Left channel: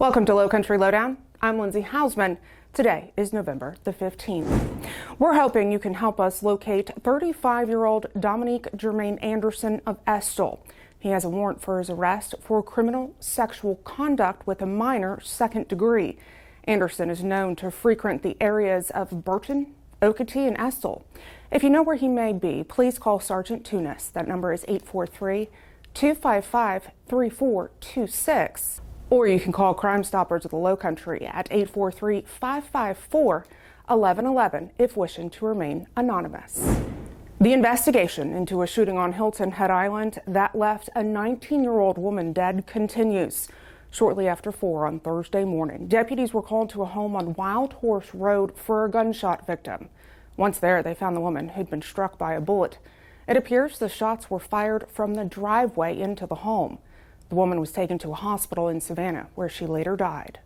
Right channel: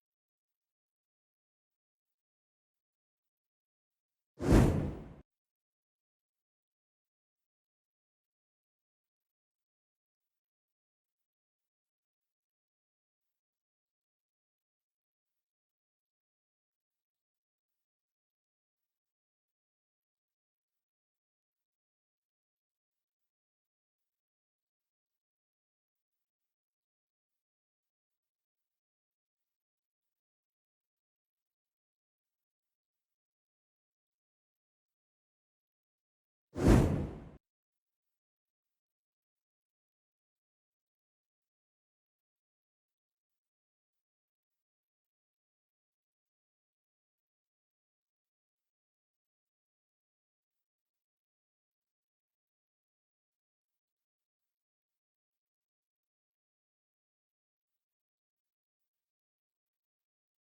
Welcome to Lowcountry Lowdown. I'm Lindsay Hausman. Today is November the 15th. We're hoping you can help us locate 35-year-old Dominique Germain Anderson of Estill. He has a warrant for his arrest for criminal sexual conduct with a minor second degree. Anderson is known to frequent the areas of Burton, Okatee, and Estill. If you know where he may be, please call Sergeant Tunis. That number is 843-255-3426. Or you can call Crime Stoppers of the Lowcountry at 843-554-1111 if wishing to remain anonymous. The investigation into a shooting on Hilton, Head Island that left a 19-year-old woman dead continues. Shortly after 4 on Thursday morning, deputies were called to a home on Wild Horse Road for a gunshot victim. Once there, they found the woman who'd been struck by a bullet. It appears the shots were fired from the driveway into the home. The woman was taken to a hospital in Savannah, where she later died.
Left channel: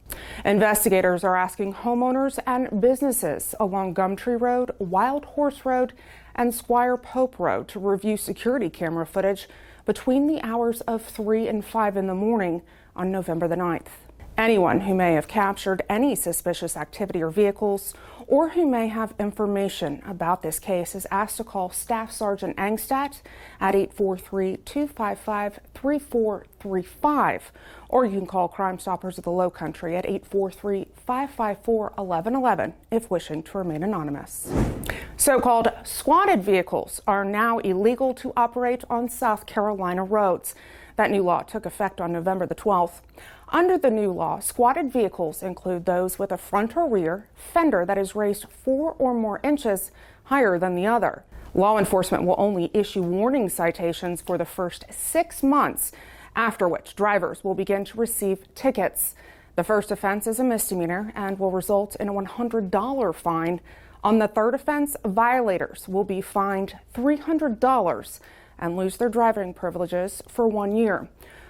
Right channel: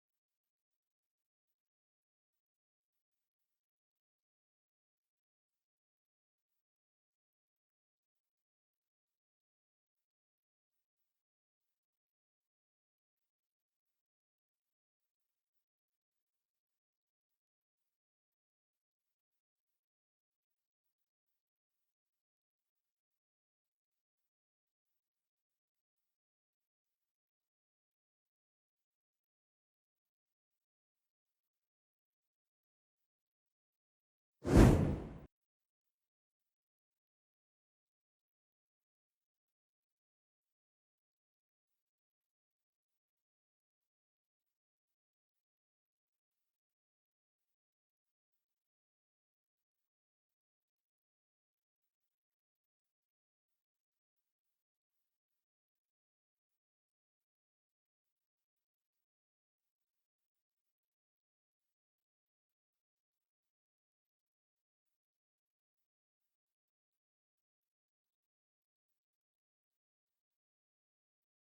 Investigators are asking homeowners and businesses along Gumtree Road, Wild Horse Road, and Squire Pope Road to review security camera footage between the hours of 3 and 5 in the morning on November the 9th. Anyone who may have captured any suspicious activity or vehicles, or who may have information about this case, is asked to call Staff Sergeant Angstadt at 843-255-3435, or you can call Crime Stoppers of the Lowcountry at 843-554-1111 if wishing to remain anonymous. So-called squatted vehicles are now illegal to operate on South Carolina roads. That new law took effect on November the 12th. Under the new law, squatted vehicles include those with a front or rear fender that is raised 4 or more inches higher than the other. Law enforcement will only issue warning citations for the first 6 months, after which drivers will begin to receive tickets. The first offense is a misdemeanor and will result in a $100 fine. On the third offense, violators will be fined $300 and lose their driving privileges for 1 year.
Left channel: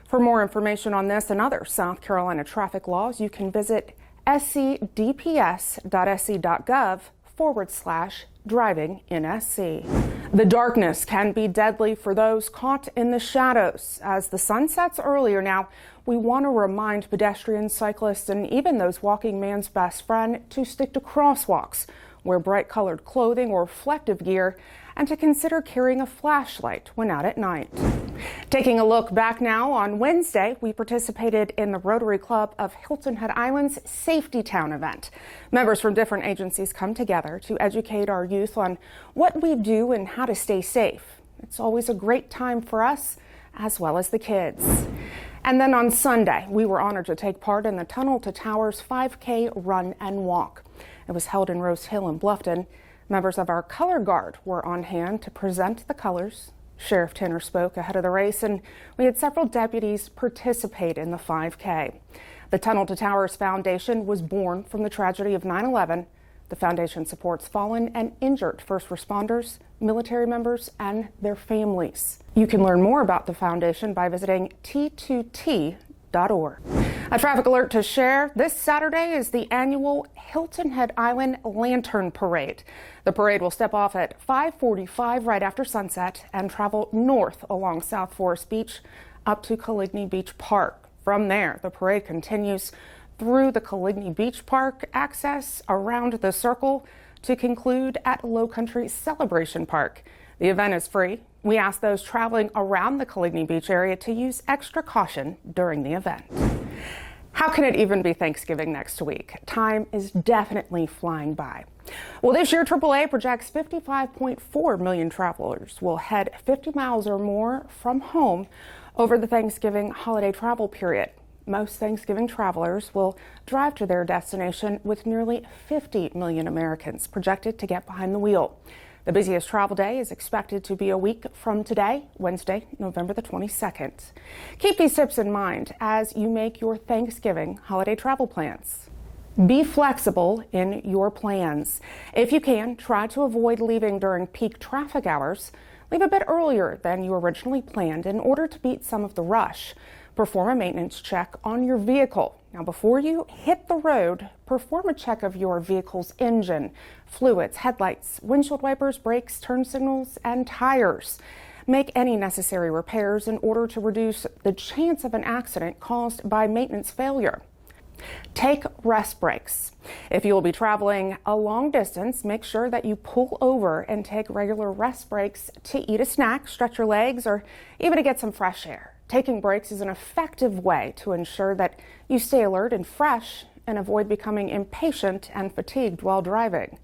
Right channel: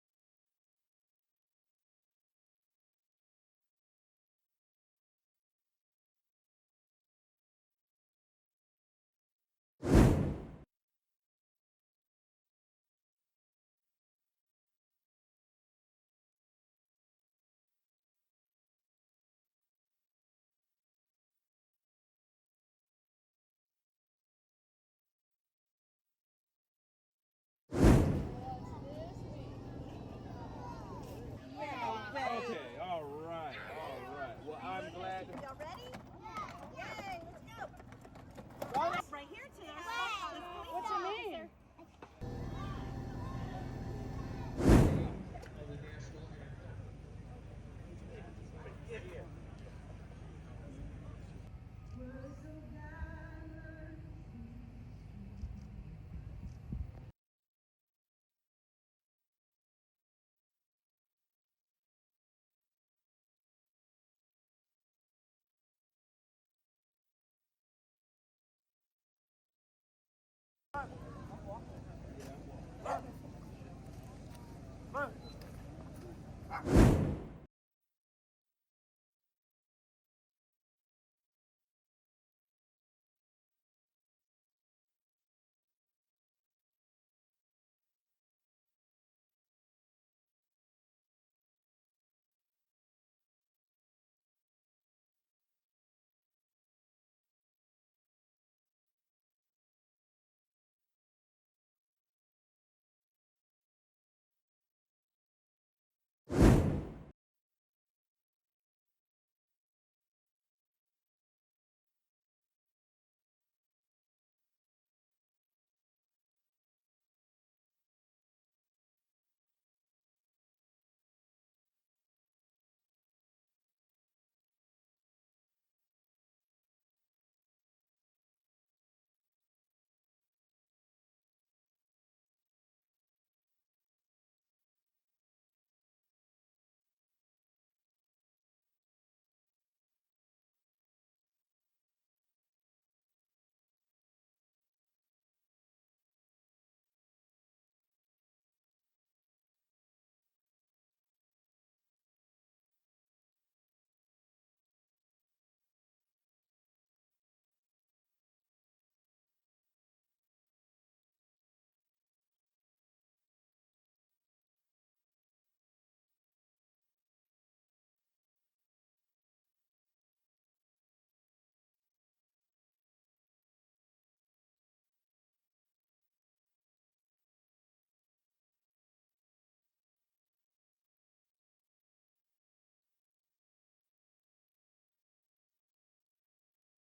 For more information on this and other South Carolina traffic laws, you can visit scdps.sc.gov/driving in SC. The darkness can be deadly for those caught in the shadows. As the sun sets earlier now, we want to remind pedestrians, cyclists, and even those walking man's best friend to stick to crosswalks, wear bright-colored clothing or reflective gear, and to consider carrying a flashlight when out at night. Taking a look back now, on Wednesday, we participated in the Rotary Club of Hilton Head Island's Safety Town event. Members from different agencies come together to educate our youth on what we do and how to stay safe. It's always a great time for us, as well as the kids. And then on Sunday, we were honored to take part in the Tunnel to Towers 5K Run and Walk. It was held in Rose Hill in Bluffton. Members of our color guard were on hand to present the colors. Sheriff Tanner spoke ahead of the race, and we had several deputies participate in the 5K. The Tunnel to Towers Foundation was born from the tragedy of 9/11. The foundation supports fallen and injured first responders, military members, and their families. You can learn more about the foundation by visiting T2T.org. A traffic alert to share. This Saturday is the annual Hilton Head Island Lantern Parade. The parade will step off at 5:45 right after sunset and travel north along South Forest Beach up to Coligny Beach Park. From there, the parade continues through the Coligny Beach Park access around the circle to conclude at Lowcountry Celebration Park. The event is free. We ask those traveling around the Coligny Beach area to use extra caution during the event. How can it even be Thanksgiving next week? Time is definitely flying by. Well, this year, AAA projects 55.4 million travelers will head 50 miles or more from home over the Thanksgiving holiday travel period. Most Thanksgiving travelers will drive to their destination, with nearly 50 million Americans projected to get behind the wheel. The busiest travel day is expected to be a week from today, Wednesday, November the 22nd. Keep these tips in mind as you make your Thanksgiving holiday travel plans. Be flexible in your plans. If you can, try to avoid leaving during peak traffic hours. Leave a bit earlier than you originally planned in order to beat some of the rush. Perform a maintenance check on your vehicle. Now, before you hit the road, perform a check of your vehicle's engine, fluids, headlights, windshield wipers, brakes, turn signals, and tires. Make any necessary repairs in order to reduce the chance of an accident caused by maintenance failure. Take rest breaks. If you will be traveling a long distance, make sure that you pull over and take regular rest breaks to eat a snack, stretch your legs, or even to get some fresh air. Taking breaks is an effective way to ensure that you stay alert and fresh and avoid becoming impatient and fatigued while driving.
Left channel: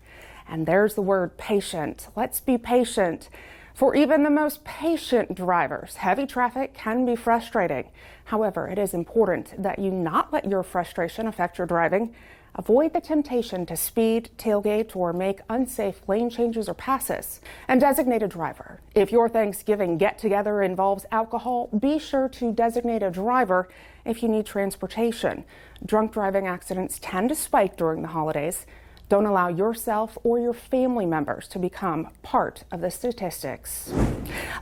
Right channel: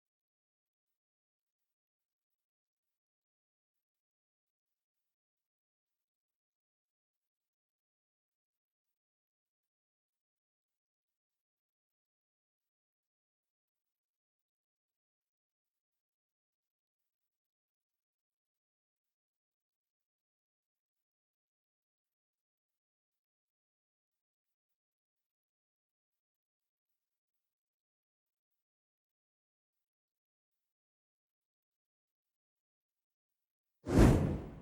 And there's the word patient. Let's be patient. For even the most patient drivers, heavy traffic can be frustrating. However, it is important that you not let your frustration affect your driving. Avoid the temptation to speed, tailgate, or make unsafe lane changes or passes. And designate a driver. If your Thanksgiving get-together involves alcohol, be sure to designate a driver if you need transportation. Drunk driving accidents tend to spike during the holidays. Don't allow yourself or your family members to become part of the statistics.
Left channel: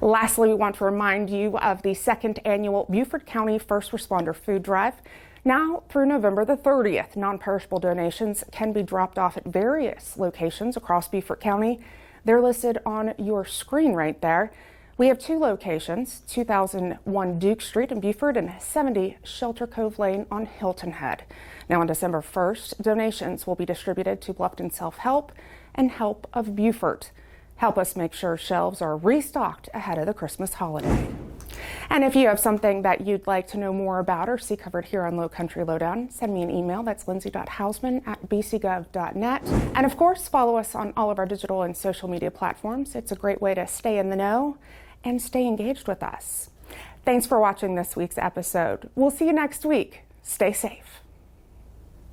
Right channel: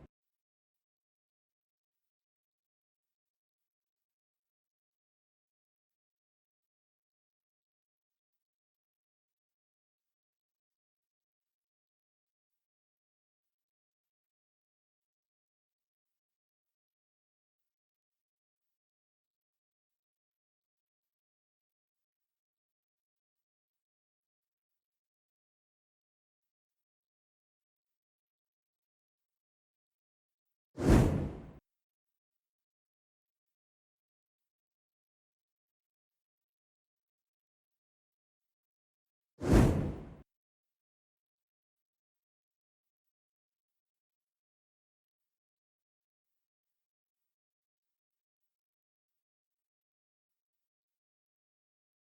Lastly, we want to remind you of the second annual Beaufort County First Responder Food Drive. Now through November the 30th, non-perishable donations can be dropped off at various locations across Beaufort County. They're listed on your screen right there. We have two locations, 2001 Duke Street in Beaufort and 70 Shelter Cove Lane on Hilton Head. Now on December 1st, donations will be distributed to Bluffton Self-Help and Help of Beaufort. Help us make sure shelves are restocked ahead of the Christmas holiday. And if you have something that you'd like to know more about or see covered here on Lowcountry Lowdown, send me an email. That's lindsay.hausman@bcgov.net. And of course, follow us on all of our digital and social media platforms. It's a great way to stay in the know and stay engaged with us. Thanks for watching this week's episode. We'll see you next week. Stay safe.